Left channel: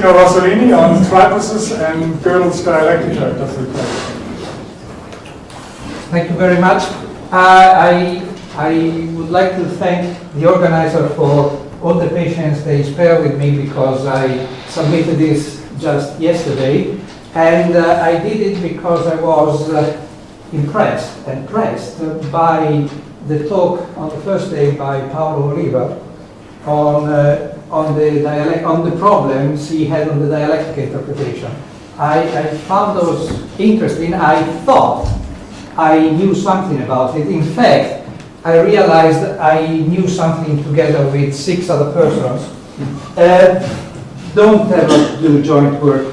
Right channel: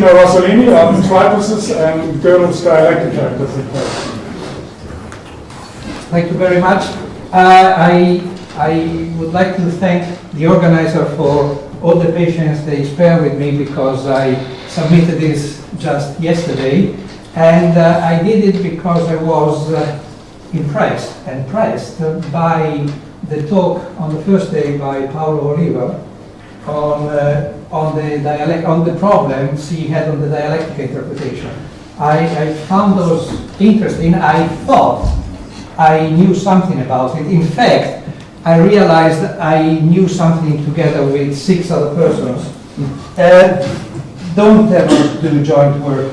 Rosolini on Triposes and Gödel's Dialectica Tripos. Thank you very much. I would like to thank the organizer for all the patience they spared with me, because I submitted this just yesterday, and I did it because I was impressed and pressed by the talk on the first day by Paolo Oliva on the problems he had on the dialectic interpretation. I found those interesting. I thought I knew something about it. In fact, I realized I knew something together with 6 other persons. Don't ever do joint work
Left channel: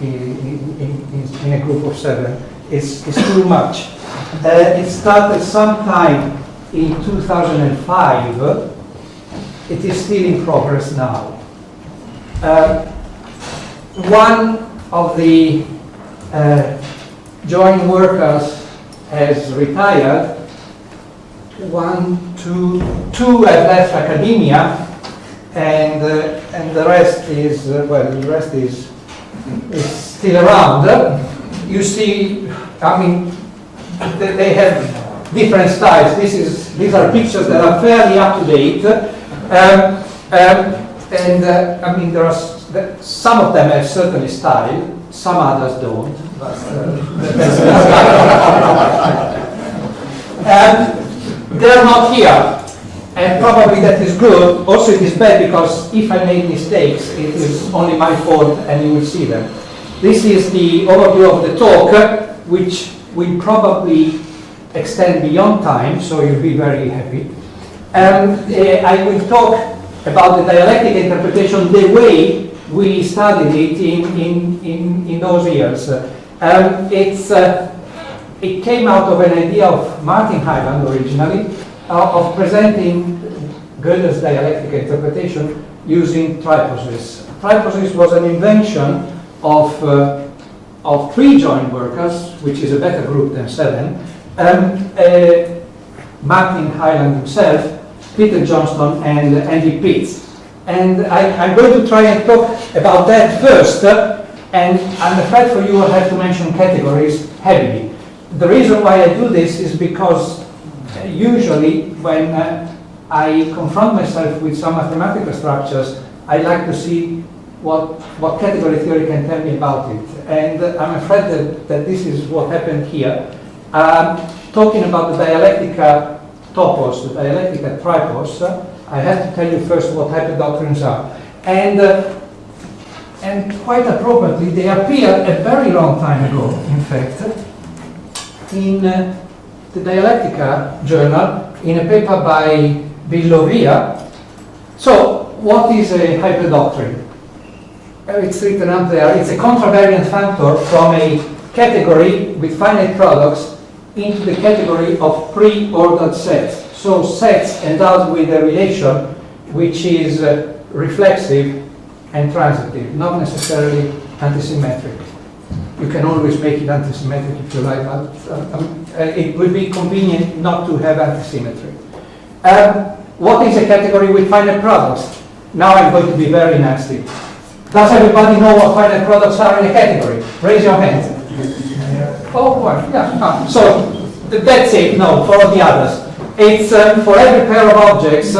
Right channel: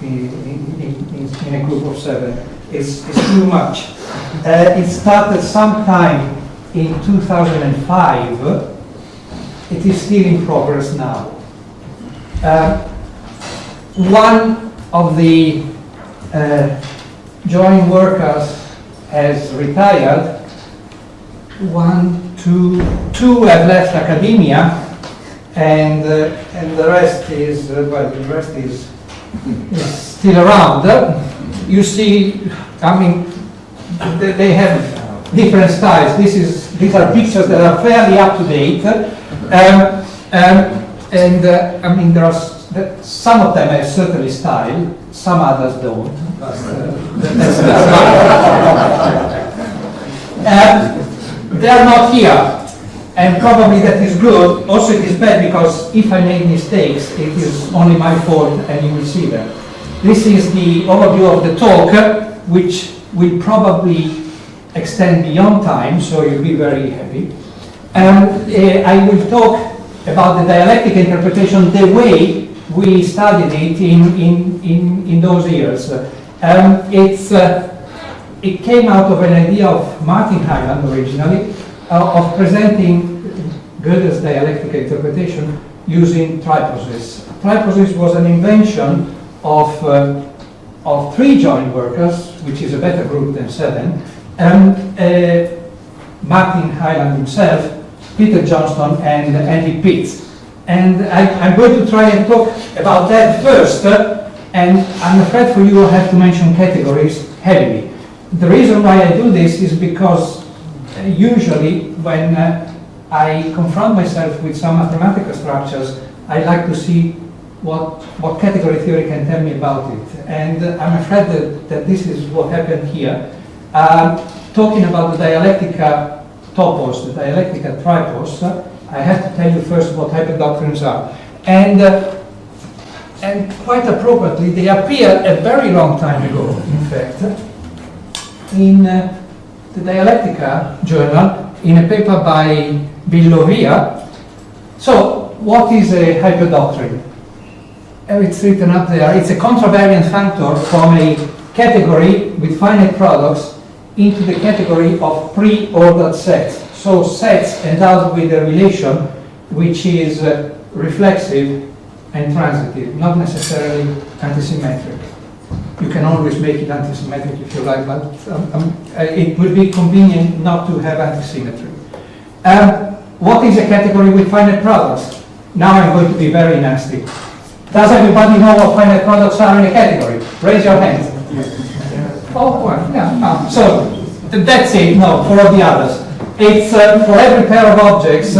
in a group of 7. It's too much. It started sometime in 2005. It is still in progress now. One of the joint workers has retired. 2 have left academia, and the rest is still around. You see, I mean, they have different styles. These are pictures that are fairly up to date, I mean, there are some of them have certainly style, some others don't. They are not here, and probably that is good. Also, it is bad, because if I make mistakes, it is only my fault, and you will see them. This is the overview of the talk, which will probably extend beyond time, so you'll be very happy. I will talk about the dialectic interpretation the way we studied it in those years. It came out of an idea of Martin Hyland originally, of presenting Gödel's dialectic interpretation using Triposes. Triposes was an invention of 3 joint workers, which is a better group than 7. Martin Hyland himself, Peter Johnstone, and Andy Butz. And I'm going to try and talk about that first, and I'm afraid for you I have to mention categories heavily. The reason why I do this is because usually when I confront myself with some mathematical structures, I like to see what category theory can tell me about it. And I'm afraid that this is what happened here. Talking about the Dialectica Topos, the Dialectica Tripos, I have to tell you first what hyperdoctrines are. And quite appropriately, they appeared a very long time ago, in fact, in the Dialectica journal, in a paper by Biering. So, what is a hyperdoctrine? It's written up there. It's a contravariant factor from a category with finite products into the category of pre-ordered sets. So sets endowed with a relation which is reflexive and transitive, not necessarily antisymmetric. You can always make it antisymmetric if you like, but it would be convenient not to have antisymmetry. What is a category with finite products? Now I'm going to be very nasty. Does everybody know what finite products are in a category? Raise your hands. Oh, well, yeah, no. So that's it. No, for all the others. It's for every pair of objects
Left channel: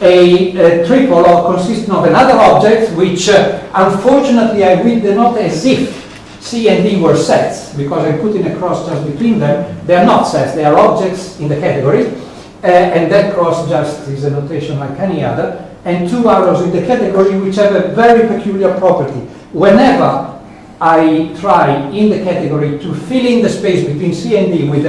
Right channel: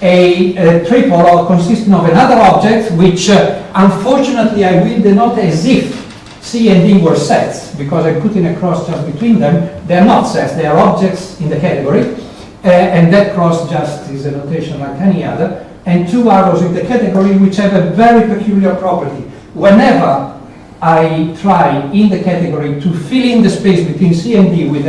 a triple consisting of another object, which unfortunately I will denote as if C and D were sets, because I put in a cross just between them. They are not sets, they are objects in the category, and that cross just is a notation like any other, and 2 arrows in the category which have a very peculiar property. Whenever I try in the category to fill in the space between C and D with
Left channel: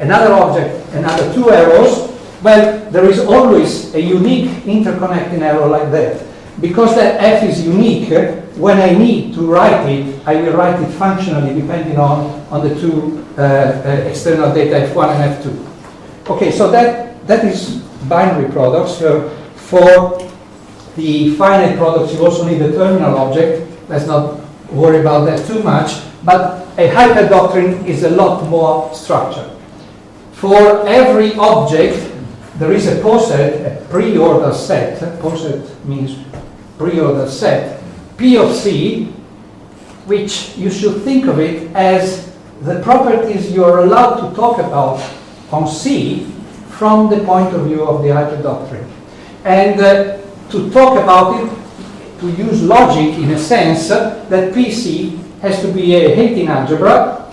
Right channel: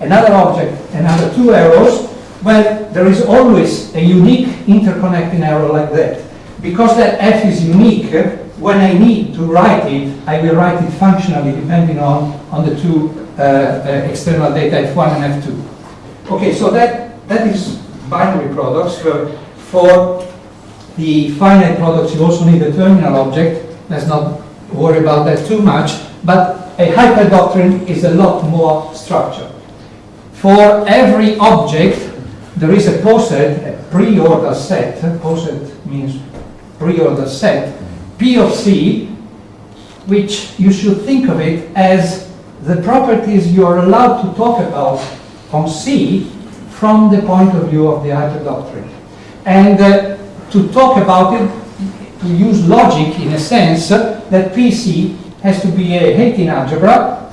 another object, another 2 arrows, well, there is always a unique interconnecting arrow like that. Because that F is unique, when I need to write it, I will write it functionally depending on the 2 external data, F1 and F2. Okay, so that is binary products. For the finite products, you also need a terminal object. Let's not worry about that too much. But a hyperdoctrine is a lot more structured. For every object, there is a poset, a pre-order set. Poset means pre-order set, P P of C, which you should think of it as the properties you're allowed to talk about on C from the point of view of the hyperdoctrine. And to talk about it, to use logic in a sense, that PC has to be a Hatin algebra,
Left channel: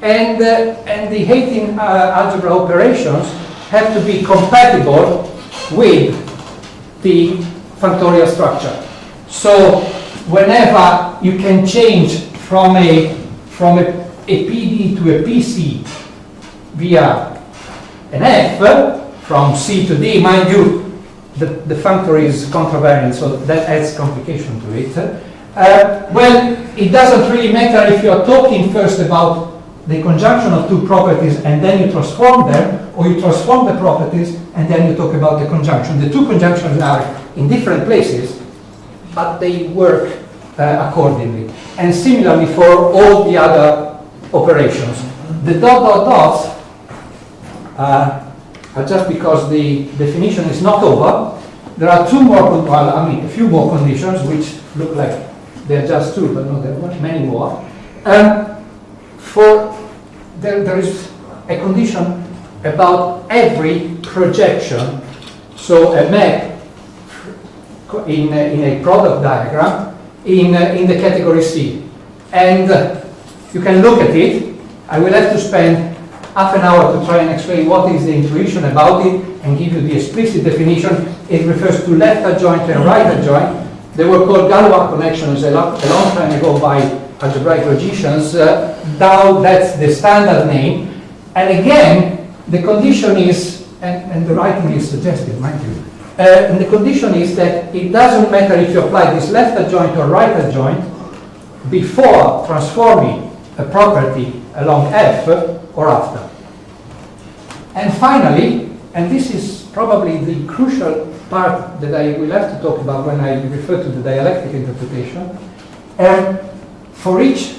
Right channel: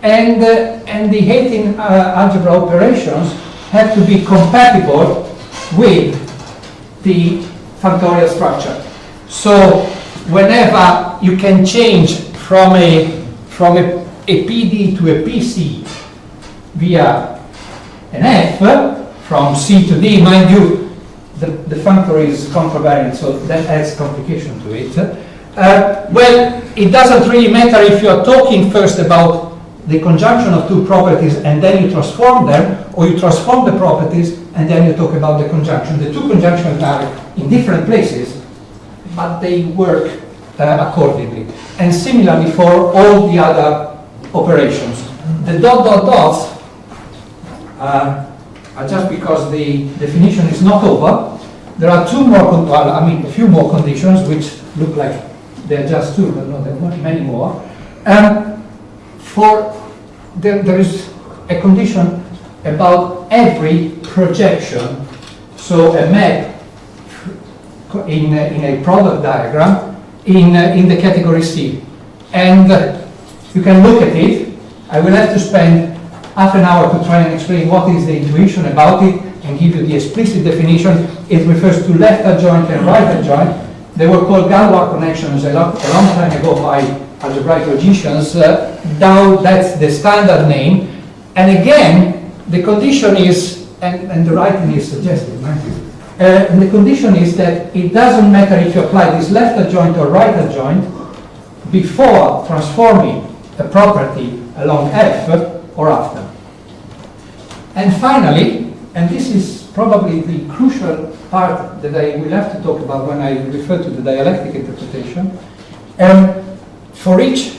and the Hatin algebra operations have to be compatible with the factorial structure. So whenever you can change from a PD to a PC via an F, from C to D, mind you, the functor is contravariant, so that adds complication to it. Well, it doesn't really matter if you're talking first about the conjunction of two properties and then you transform them, or you transform the properties and then you talk about the conjunction. The two conjunctions are in different places, but they work accordingly. And similarly for all the other operations. The dots are just because the definition is not over. There are two more, well, I mean, a few more conditions which look like they're just two, but no, there are many more. There is a condition about every projection. So a map in a product diagram in the category C. And you can look at it. I will have to spend half an hour to try and explain what is the intuition about it and give you the explicit definition. It refers to left adjoint and right adjoint. They were called Galois connections a long time ago by algebraic logicians. Now that's the standard name. And again, the condition is, and the writing is suggested, mind you, and the condition is that it doesn't matter if you apply this left adjoint or right adjoint before transforming a property along F or after. And finally, and this is probably the crucial part that I will have to talk about when I refer to the dialectic interpretation, for each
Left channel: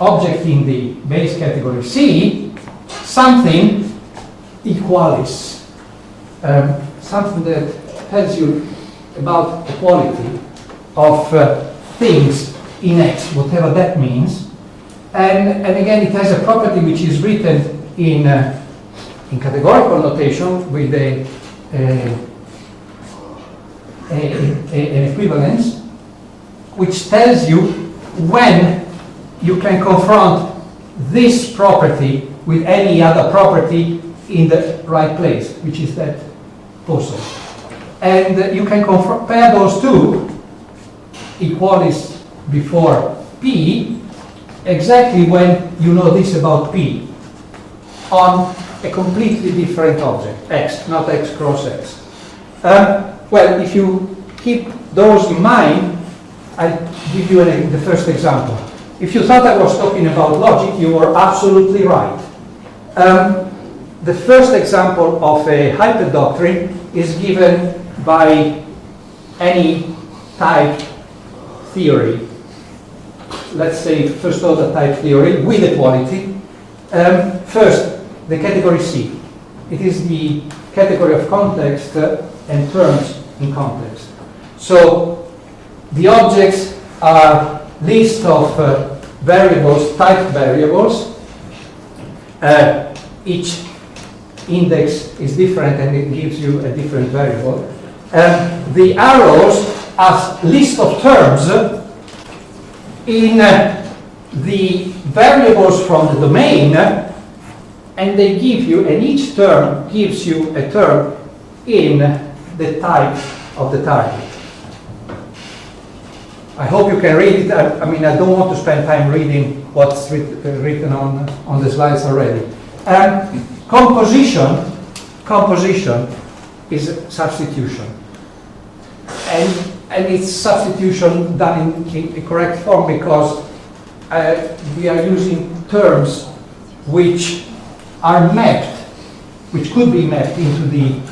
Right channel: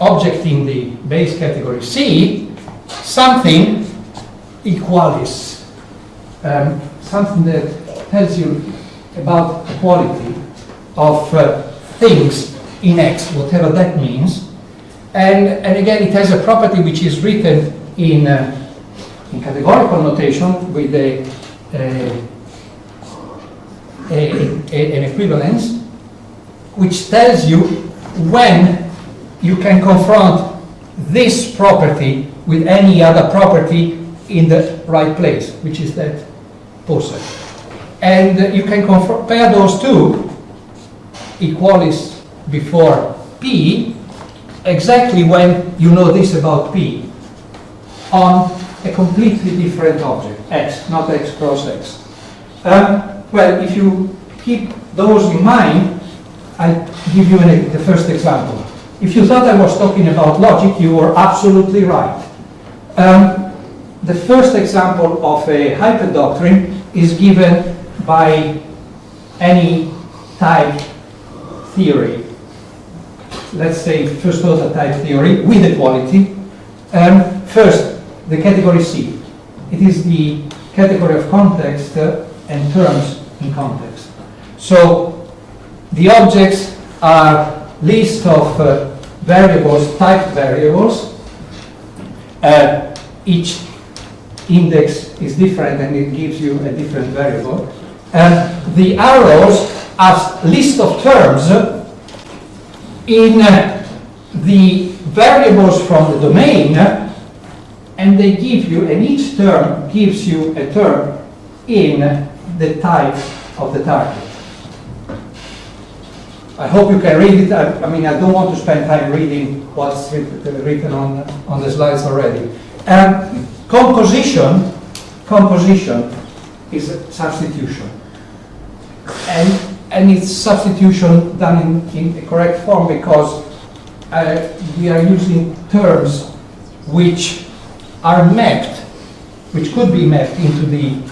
object in the base category C, something equalis, something that tells you about the quality of things in X, whatever that means. And again, it has a property which is written in categorical notation with an equivalence, which tells you when you can confront this property with any other property in the right place, which is that also. And you can compare those two, equalis before P, exactly when you know this about P, on a completely different object, X, not X cross X. Well, if you keep those in mind, I'll give you the first example. If you thought I was talking about logic, you were absolutely right. The first example of a hyperdoctrine is given by any type theory. Let's say first order type theory with equality. First, the category C. It is the category of context and terms in context. So the objects are list of variables, type variables. Each index is different and it gives you a different variable. The arrows are list of terms in the variables from the domain, and they give you, and each term gives you a term in the type of the target. I hope you can read it. I mean, I don't want to spend time reading what's written on the slides already. Composition is substitution. And it's substitution done in the correct form because we are using terms which are mapped, which could be mapped into the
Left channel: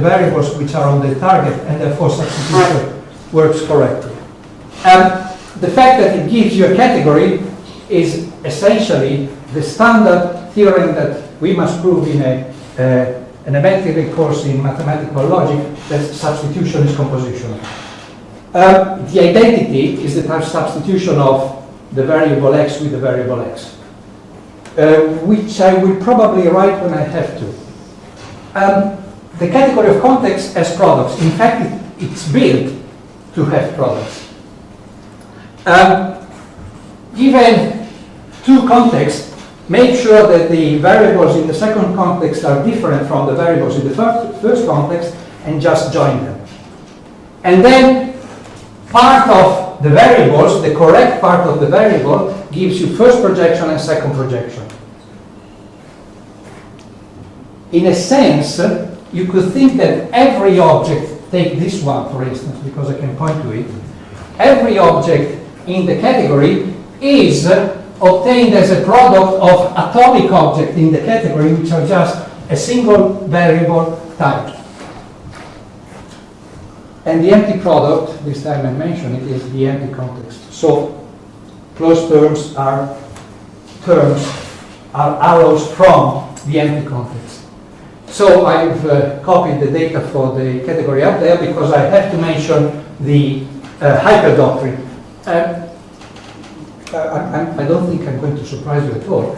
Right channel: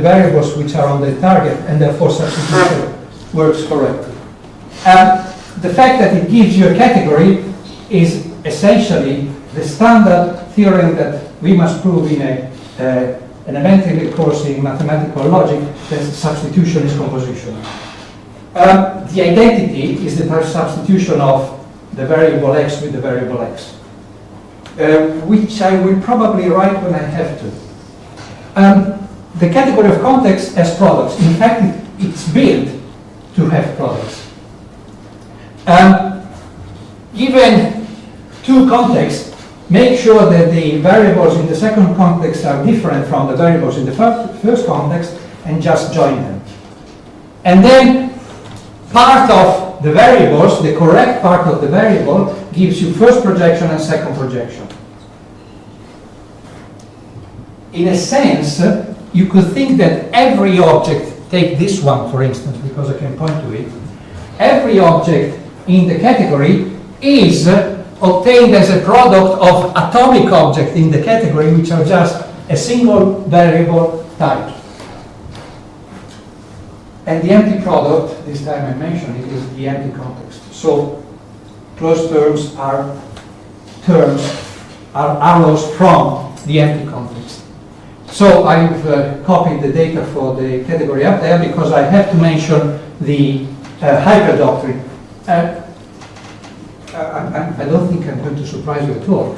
variables which are on the target, and therefore substitution works correctly. The fact that it gives you a category is essentially the standard theorem that we must prove in an elementary course in mathematical logic, that substitution is composition. The identity is the substitution of the variable x with the variable x, which I will probably write when I have to. The category of context has products. In fact, it's built to have products. Given two contexts, make sure that the variables in the second context are different from the variables in the first context, and just join them. And then part of the variables, the correct part of the variable, gives you first projection and second projection. In a sense, you could think that every object, take this one for instance, because I can point to it, every object in the category is obtained as a product of atomic objects in the category, which are just a single variable type. And the empty product, this time I mentioned it, is the empty context. So closed terms are arrows from the empty context. So I've copied the data for the category up there because I have to mention the hyperdoctrine. I don't think I'm going to surprise you at all.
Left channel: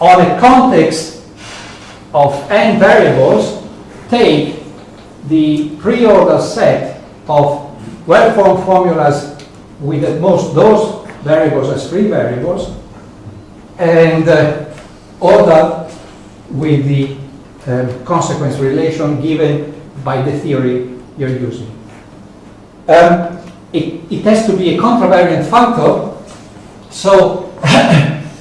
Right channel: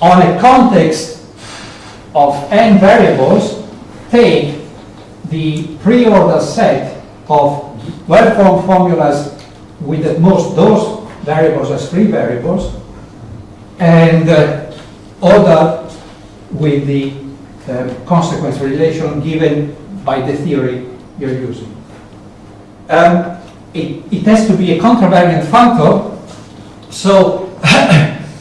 On a context of n variables, take the pre-order set of well-formed formulas with at most those variables as free variables, and order with the consequence relation given by the theory you're using. It has to be a contravariant functor, so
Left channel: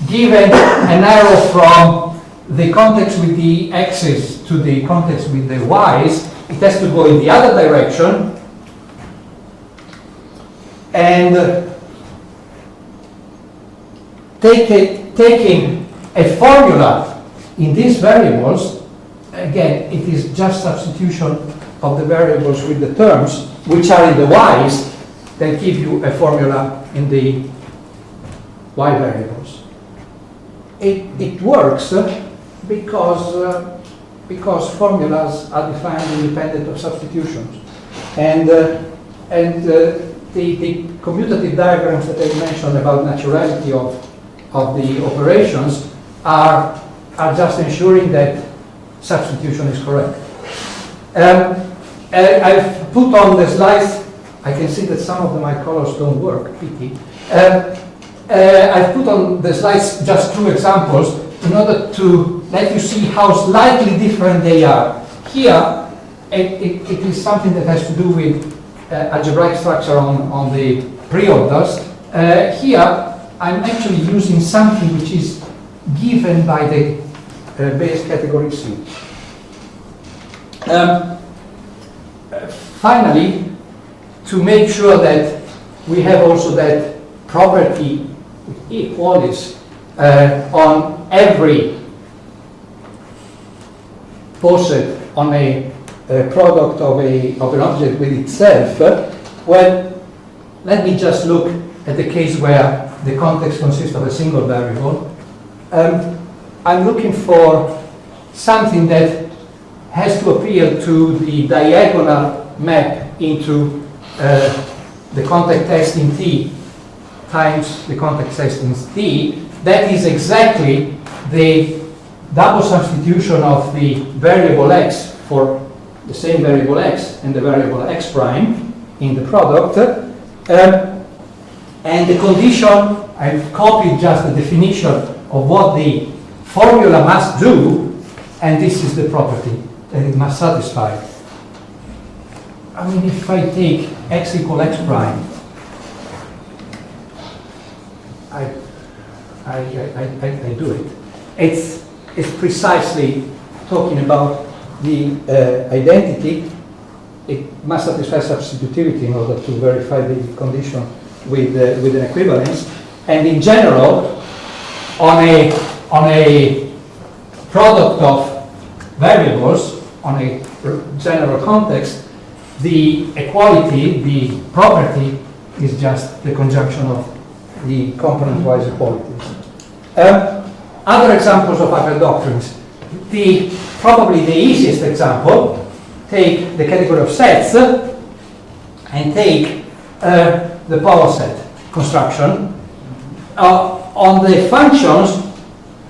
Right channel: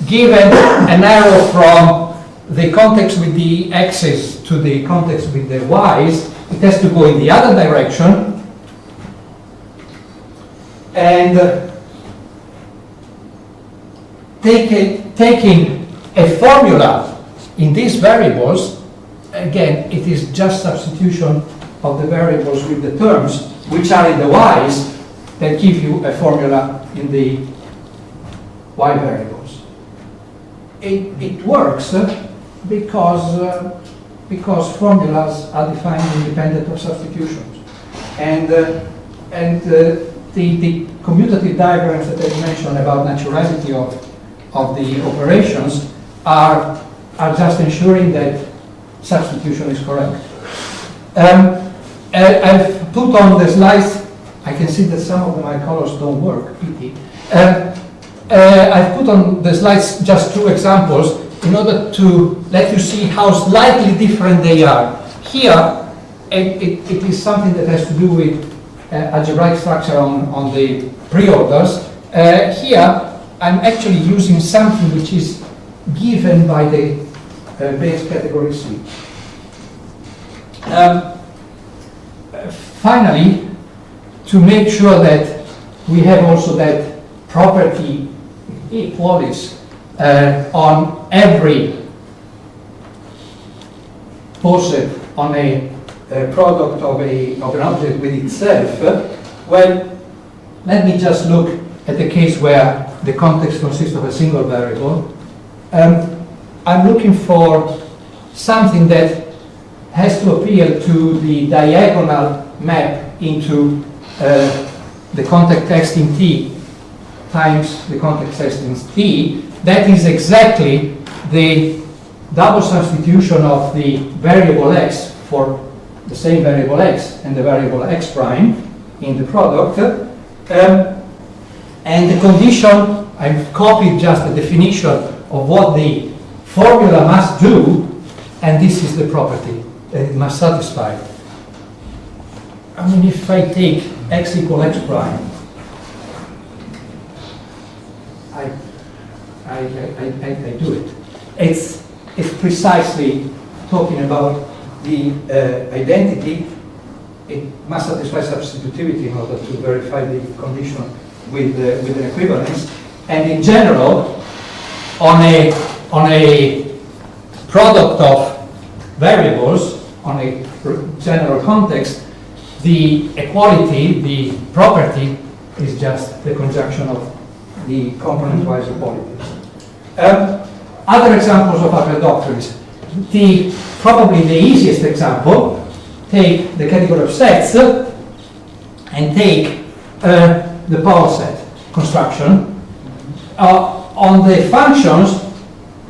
given an arrow from the context with the x's to the context with the y's, it has to go in the other direction, and taking a formula in these variables, again, it is just substitution of the variables with the terms, which are in the y's, that give you a formula in the y variables. It works because formulas are defined independent of substitutions. And the commutative diagrams that I mentioned about naturality of the operations are just ensuring that substitution is correct. I've put on the slides, I can see that some of my colors don't work, pity. I've put on the slides just two examples in order to let you see how slightly different they are. Here, it is something that has to do with algebraic structure on the pre-orders. Here, I'm actually using something which is given by the base category C. Finally, to make sure that we have also that property equalis on every poset on a product of an object with itself, well, let me just look at the case where the context consists of a single variable. I'm looking for something that has to appeal to the diagonal map into the context text in T times the context text in T. That is exactly the double substitution of the variable x for the same variable x and the variable x prime in the product. And the condition, I've copied just the definition of what the formula must do, and this is the property that it must satisfy. I mean, if I take x equal x prime, I do it. It's precisely talking about the identity. It must satisfy substitutivity in order to verify the condition with an equivalence. And in general, on a product of variables, on a general context, the equality, the property, is just the conjunction of the component-wise equalities. Other examples of hyperdoctrines. Probably the easiest example, take the category of sets, and take the power set construction. On the functions,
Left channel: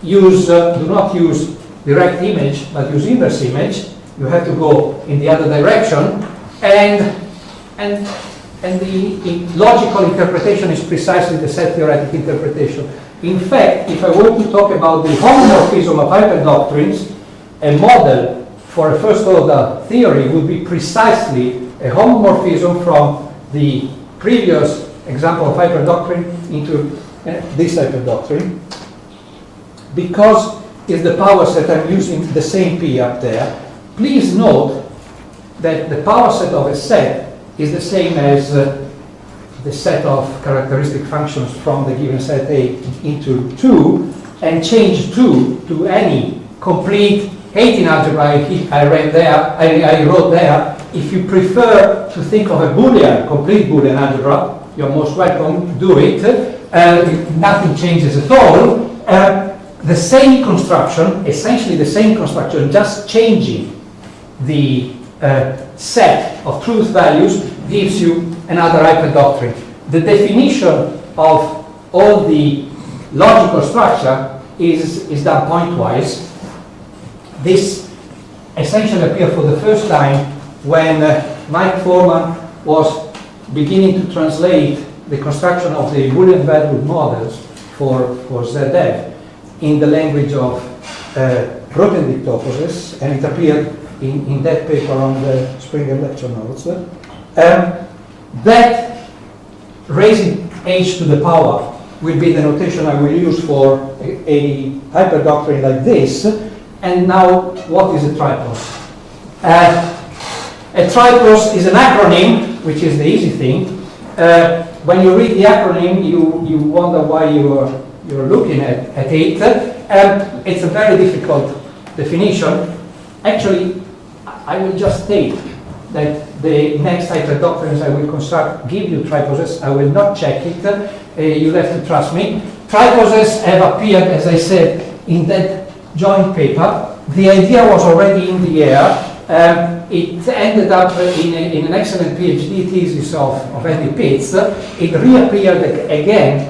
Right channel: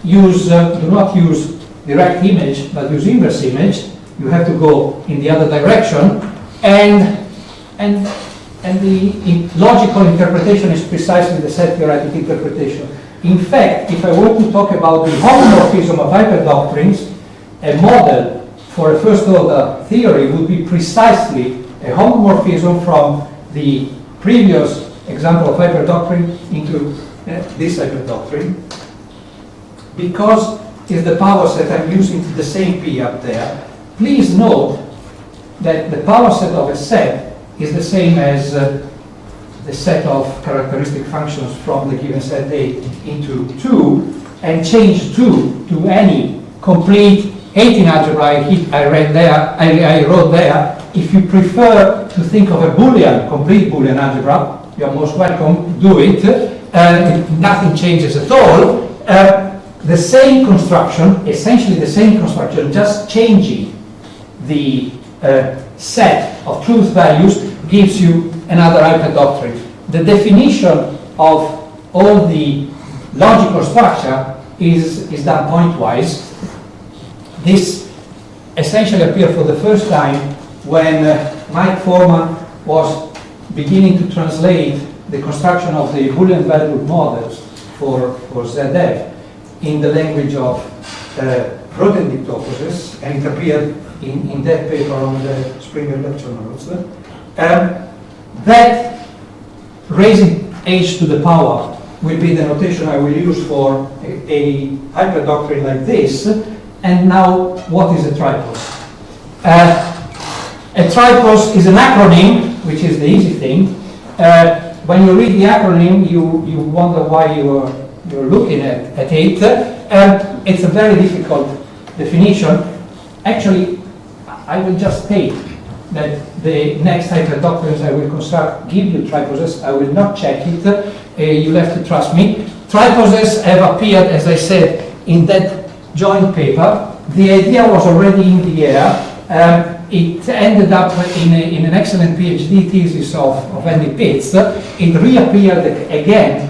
do not use direct image, but use inverse image. You have to go in the other direction, and the logical interpretation is precisely the set theoretic interpretation. In fact, if I were to talk about the homomorphism of hyperdoctrines, a model for a first order theory would be precisely a homomorphism from the previous example of hyperdoctrine into this hyperdoctrine. Because it's the power set, I'm using the same P up there. Please note that the power set of a set is the same as the set of characteristic functions from the given set A into 2, and change 2 to any complete 18 algebra I wrote there. If you prefer to think of a Boolean, complete Boolean algebra, you're most welcome, do it. Nothing changes at all. The same construction, essentially the same construction, just changing the set of truth values gives you another hyperdoctrine. The definition of all the logical structure is done pointwise. This essentially appeared for the first time when Mike Foreman was beginning to translate the construction of the Boolean valued models for ZF in the language of Grothendieck toposes, and it appeared in that paper on the Springer lecture notes. That raising h to the power will be the notation I will use for a hyperdoctrine like this. And now, what is a tripos? A tripos is an acronym, which is the easy thing. When you read the acronym, you wonder why you're looking at it. It's a very difficult definition. Actually, I will just state that the next hyperdoctrines I will construct give you triposes. I will not check it. You'll have to trust me. Triposes have appeared, as I said, in that joint paper. The idea was already in the air. It ended up in an excellent PhD thesis of Andy Pitts. It reappeared again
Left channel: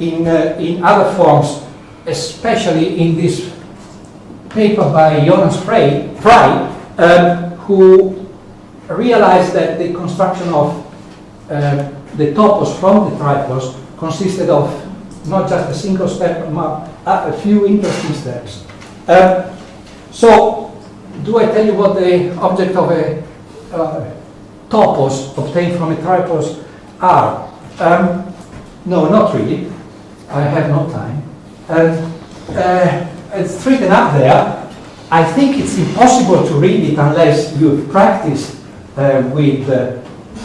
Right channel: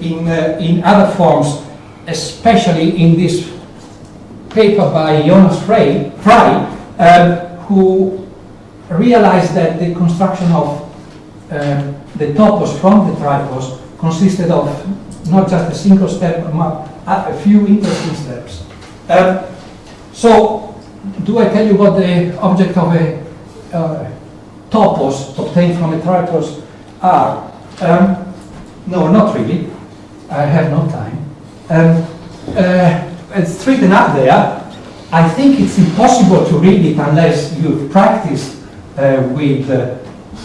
in other forms, especially in this paper by Jonas Frey, who realized that the construction of the topos from the tripos consisted of not just a single step, but a few interesting steps. So, do I tell you what the object of a topos obtained from a tripos are? No, not really. I have no time. It's written up there. I think it's impossible to read it unless you've practiced with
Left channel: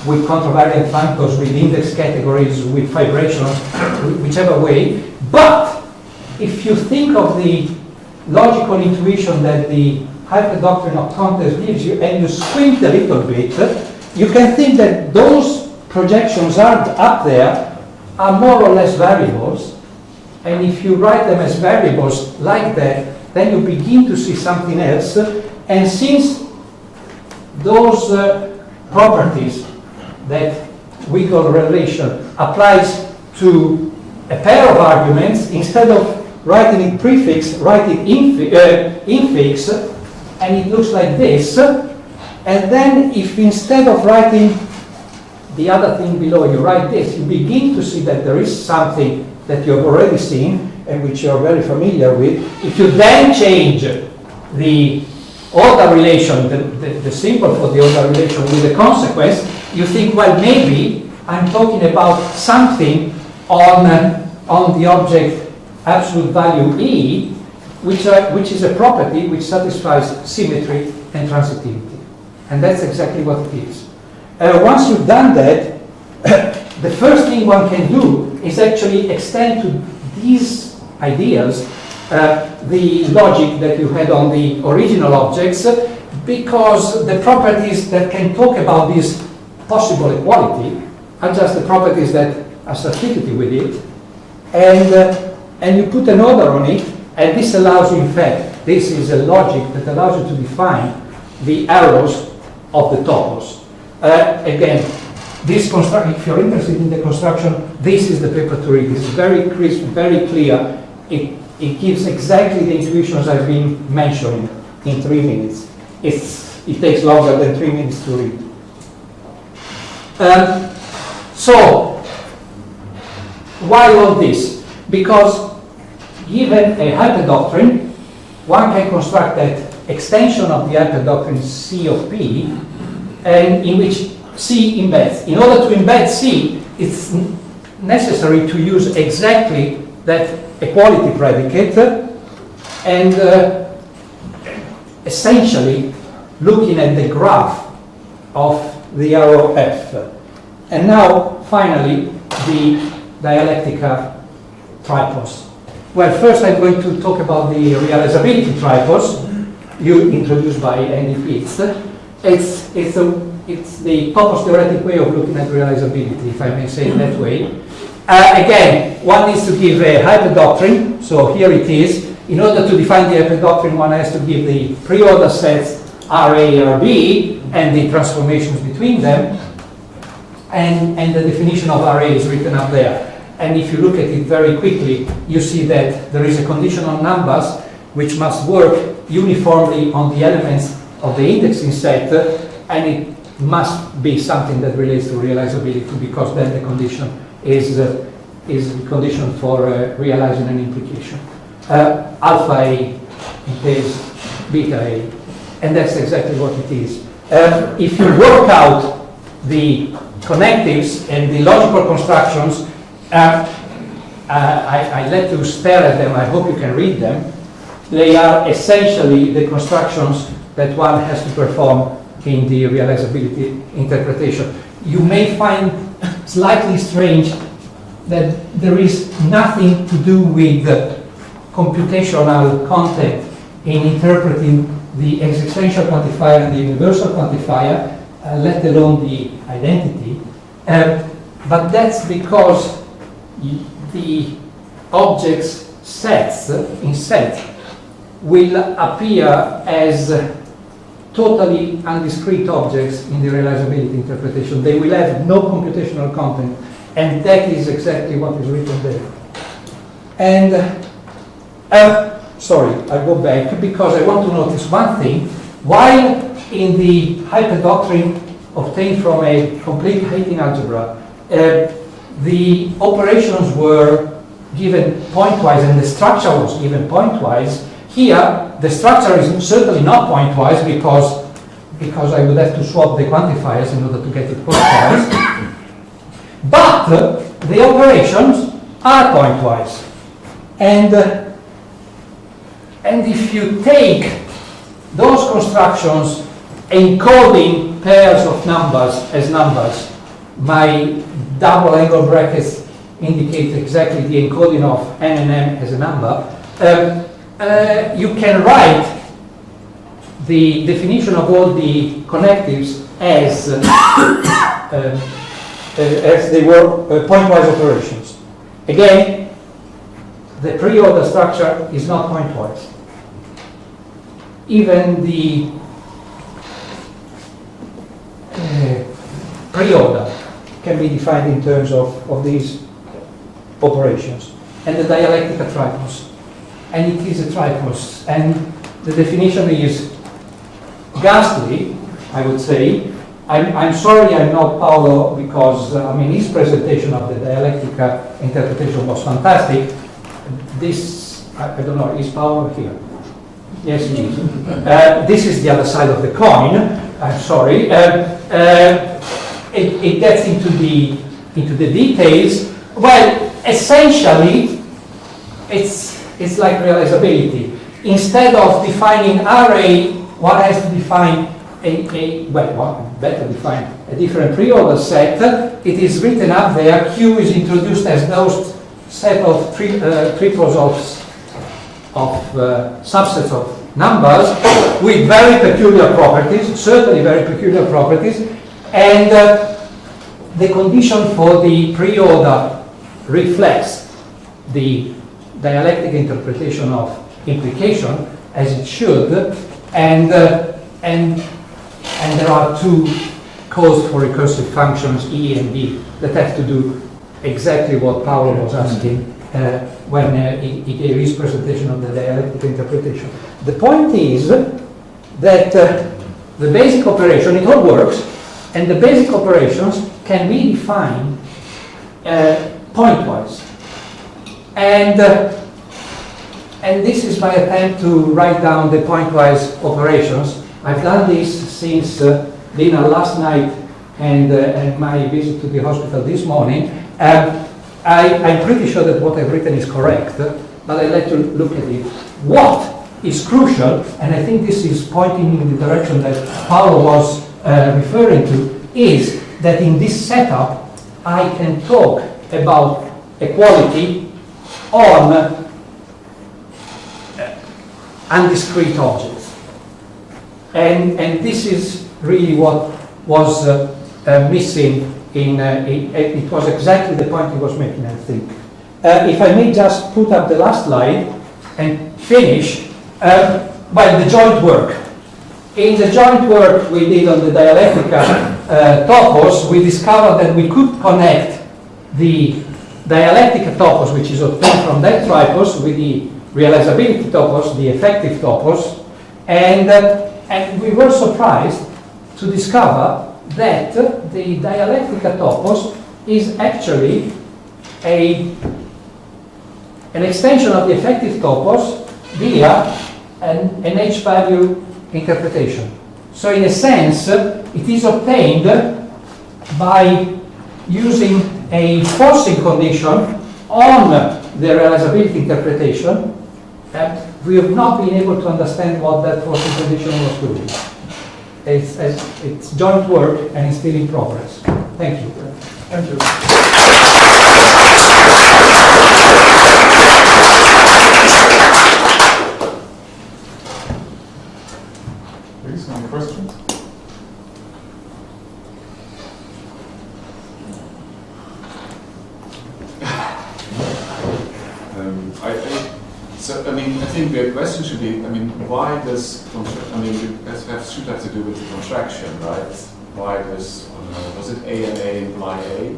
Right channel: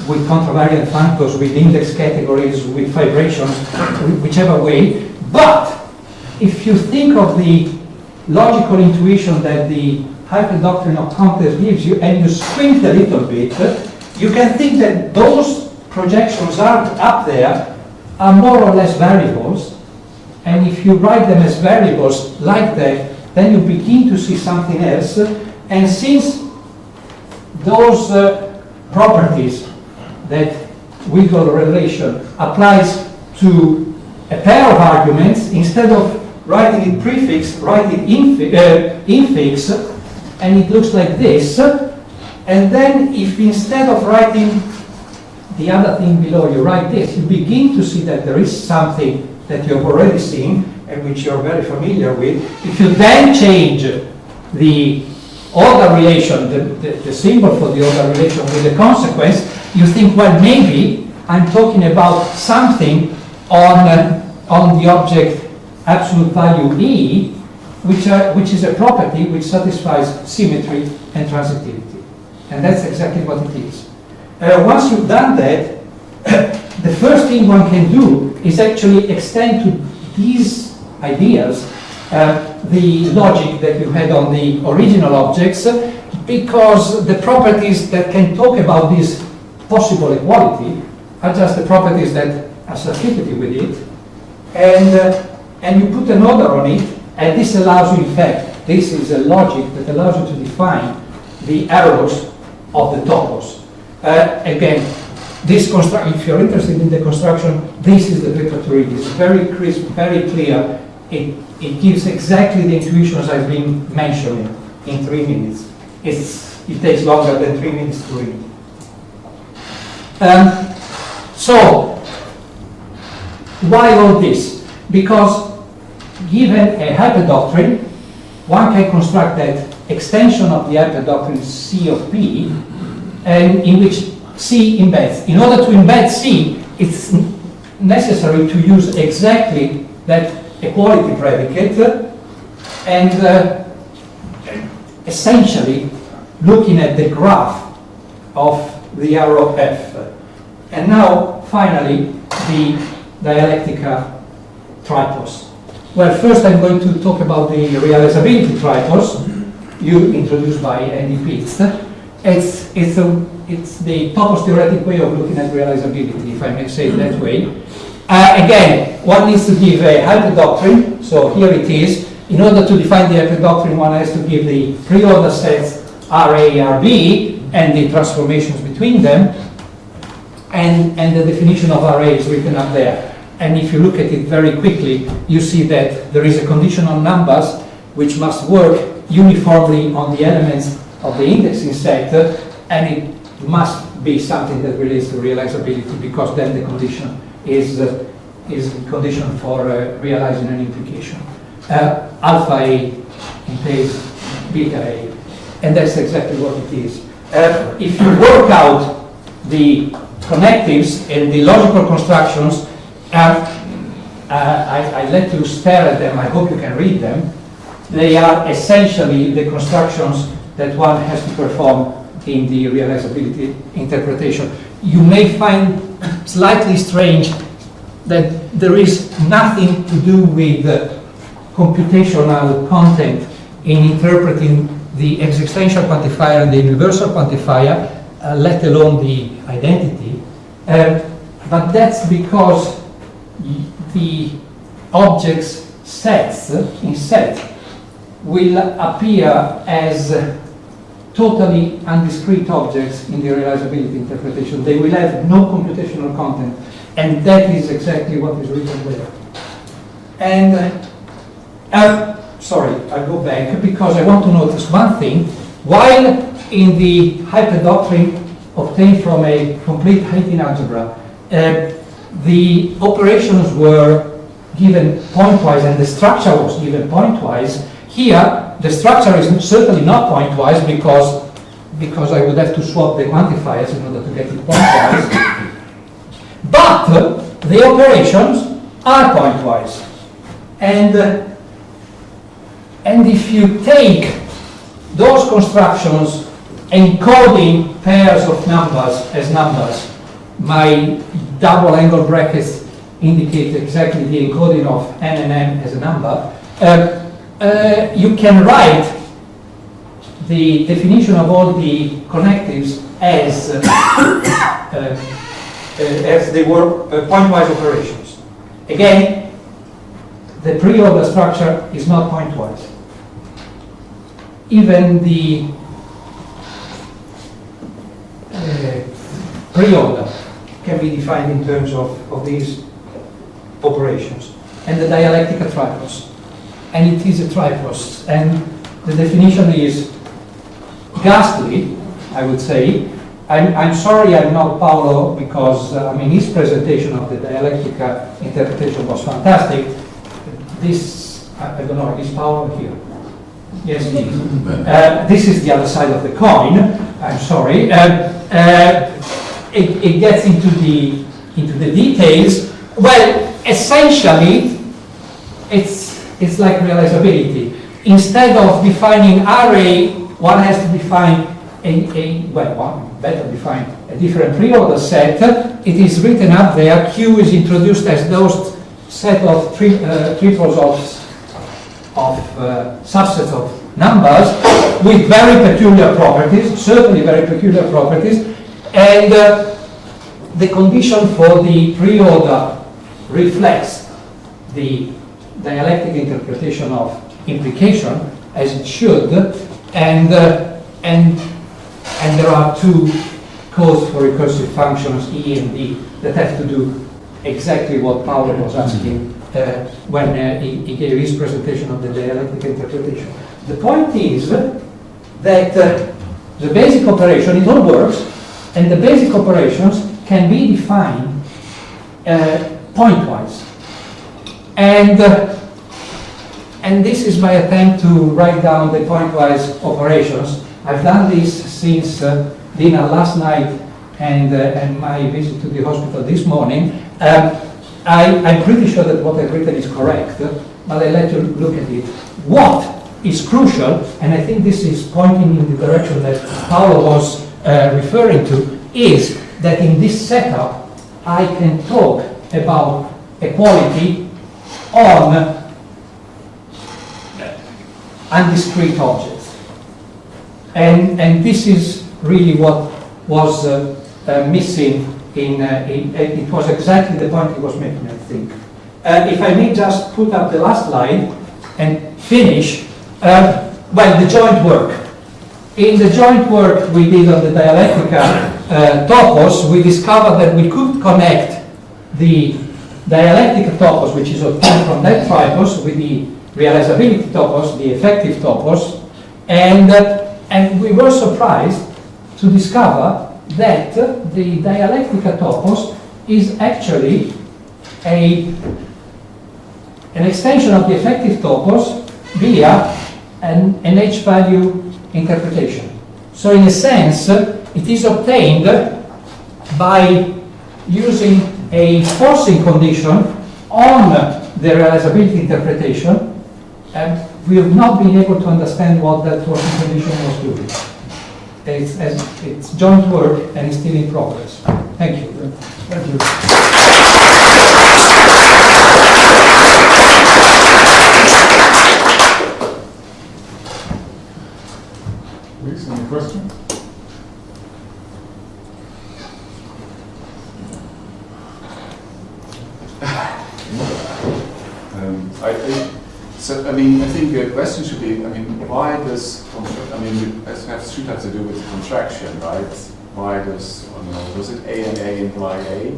contravariant functors, with index categories, with vibrations, whichever way. But if you think of the logical intuition that the hyperdoctrine of context gives you, and you squint a little bit, you can think that those projections are up there are more or less variables, and if you write them as variables like that, then you begin to see something else. And since those properties that Gödel relation applies to a pair of arguments, instead of writing it prefix, write it infix, and it looks like this. And then if instead of writing the other thing below, you write this, you begin to see that there is something that you have already seen and which you're very familiar with. If you then change the order relation, the symbol for the order relation with the consequence, you think, well, maybe I'm talking about something on the object absolute value E, which is a property which satisfies symmetry and transitivity. And that's exactly what it is. Once you've done that, the first thing one can do is actually extend to these ideas the logic that you had on the original objects, because the properties that can talk about this possible equality are just the properties that are substituted with it, and you put an order on it, and this allows you, in fact, this is a logic that allows you to define the arrows of the topos. Again, this if you're interested in the construction, this is the paper to read. It's very crisp, very clear. It gives exactly the intuitions I've been mentioning in 3 minutes. It takes longer than 3 minutes to read. So, why all this? Because given a hyperdoctrine, one can construct that extension of the hyperdoctrine C of P, and in which C embeds. In order to embed C, it's necessary to use exactly that equality predicate, and essentially looking at the graph of the arrow F. And now, finally, the Dialectica Tripos. Well, first I'm going to talk about the Realizability Tripos, introduced by Eddie Pitts. It's the topos theoretic way of looking at realizability, if I may say it that way. Again, one needs to give a hyperdoctrine, so here it is. In order to define the hyperdoctrine, one has to give the pre-order sets RA, RB, and the transformations between them, and the definition of RA is written up there. And if you look at it very quickly, you see that there is a condition on numbers which must work uniformly on the elements of the indexing set, and it must be something that relates to realizability, because then the condition is a condition for realizing an implication. Alpha A entails beta A, and that's exactly what it is. If you work out the connectives and the logical constructions, I let you stare at them, I hope you can read them. They are essentially the constructions that one has to perform in the realizability interpretation. You may find slightly strange that there is nothing to do with computational content in interpreting the existential quantifier and the universal quantifier, let alone the identity. But that's because the objects sets in set will appear as totally undiscrete objects in the realizability interpretation. They will have no computational content, and that is exactly what is written there. And sorry, I'll go back because I want to notice one thing. While in the hyperdoctrine obtained from a complete Haitian algebra, the operations were given pointwise and the structure was given pointwise. Here, the structure is certainly not pointwise because I would have to swap the quantifiers in order to get it pointwise. But the operations are pointwise. And if you take those constructions encoding pairs of numbers as numbers, my double angle brackets indicate exactly the encoding of n and m as a number, you can write the definition of all the connectives as they were pointwise operations. Again, the pre-order structure is not pointwise. Even the pre-order can be defined in terms of these operations. And the Dialectica Tripos. And it is a tripos. And the definition is ghastly, I would say. I'm sorry I'm not Paolo, because his presentation of the Dialectica interpretation was fantastic. This, I don't know, is Paolo here? Yes, he is. This is the other side of the coin. I'm sorry. It gets into the details. Well, essentially, it's like realizability. Instead of defining array, one has to define a different pre-order set. It is written up there. Q is introduced as those set of triples of subsets of numbers with very peculiar properties, certainly very peculiar properties, and the condition for the pre-order reflects the dialectic interpretation of implication as it should, and there are two calls for recursive functions E and E that have to do exactly what Paolo was asking when he gave his presentation on the dialectical interpretation. The point is that the basic operation, it all works, and the basic operations can be defined pointwise. And this is my attempt to write down the pointwise operations. I've done this since dinner last night and my visit to the hospital this morning. I'm pretty sure that what I've written is correct, but I like to look at it. What is crucial, and I think this is pointing in the direction that Paolo was referring to, is that in this setup I can talk about equality on undiscrete objects. And this is really what was missing it was exactly the point he was making, I think. If I may just put up the last slide and finish, well, the joint work. In the joint work we did on the Dialectica Topos, we discovered that we could connect the Dialectica Topos, which is obtained from that Tripos, with the Realizability Topos, the effective Topos, and we were surprised to discover that the Dialectica Topos is actually an extension of the effective Topos via an H-value interpretation. So in a sense, it is obtained by using a forcing condition on the realizability interpretation, and we have not been able to understand what that forcing condition was doing. It's joint work and it's still in progress. Thank you. Thank you. Please, any questions? I think the question should be, why does, it should have to do with contraction, right? Why does it A and A imply A?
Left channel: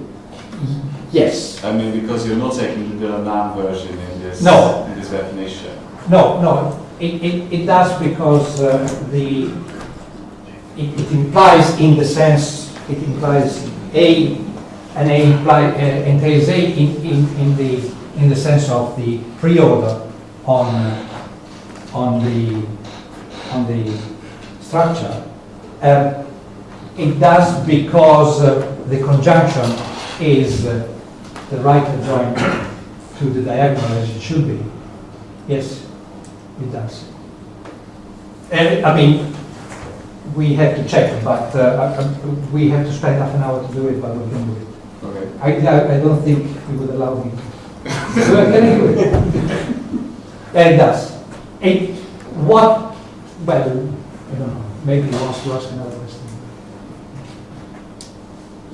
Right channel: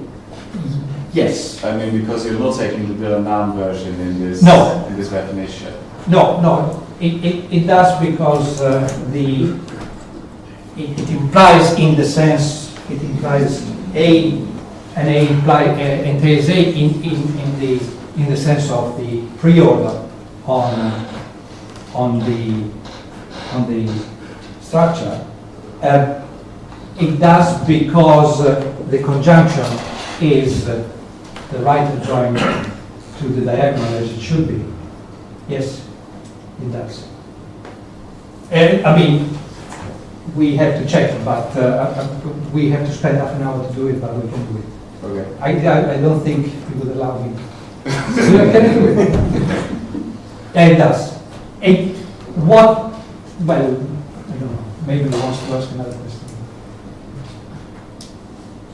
Yes. Because you're not taking the Bill-Nahm version in this definition. No. It does because it implies in the sense, it implies A, and A entails A in the sense of the pre-order on the structure. It does because the conjunction is the right adjoint to the diagonal as it should be. Yes, it does. We have to check, but we have to spend half an hour to do it, but we can do it. Okay. I don't think he would allow me. So can I do it? It does. Well, I don't know. Maybe he wants to ask another question.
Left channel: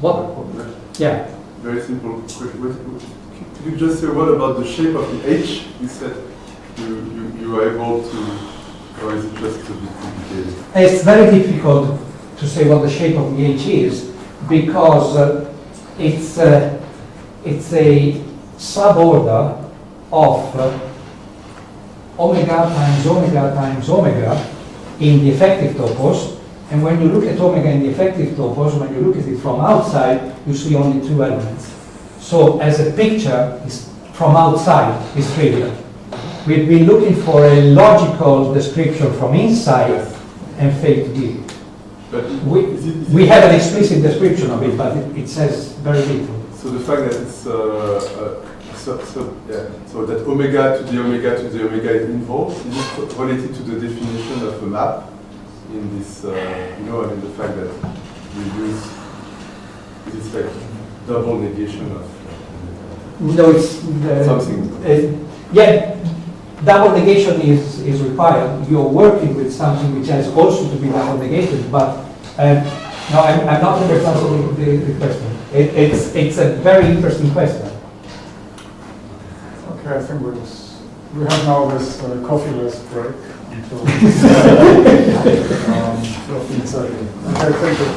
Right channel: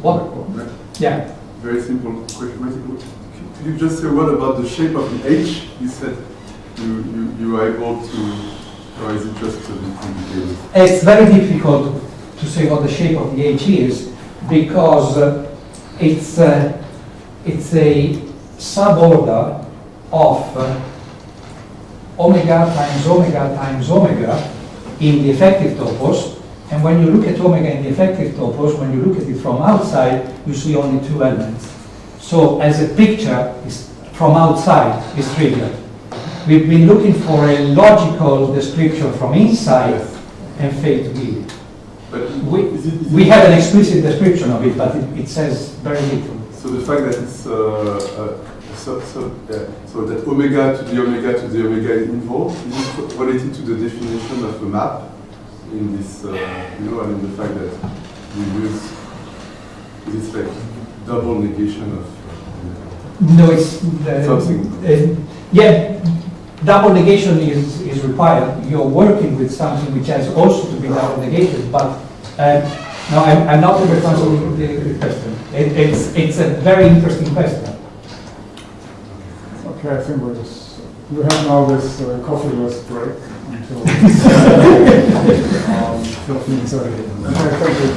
What? Yeah. Very simple question. Could you just say what about the shape of the H? You said you were able to, or is it just a bit complicated? It's very difficult to say what the shape of the H is because it's a suborder of omega times omega times omega in the effective topos, and when you look at omega in the effective topos, when you look at it from outside, you see only two elements. So as a picture, from outside is trivial. We've been looking for a logical description from inside and failed to give it. But we have an explicit description of it, but it says very little. So the fact that it's so that omega to the omega to the omega is involved, is it related to the definition of a map in this, the fact that we use, is it like double negation of no, it's something? Double negation is required. You're working with something which has also to be double negated, but no, I'm not answering the question. It's a very interesting question. Okay, I think we have now this coffee-less break until 12:30. Okay, thank you.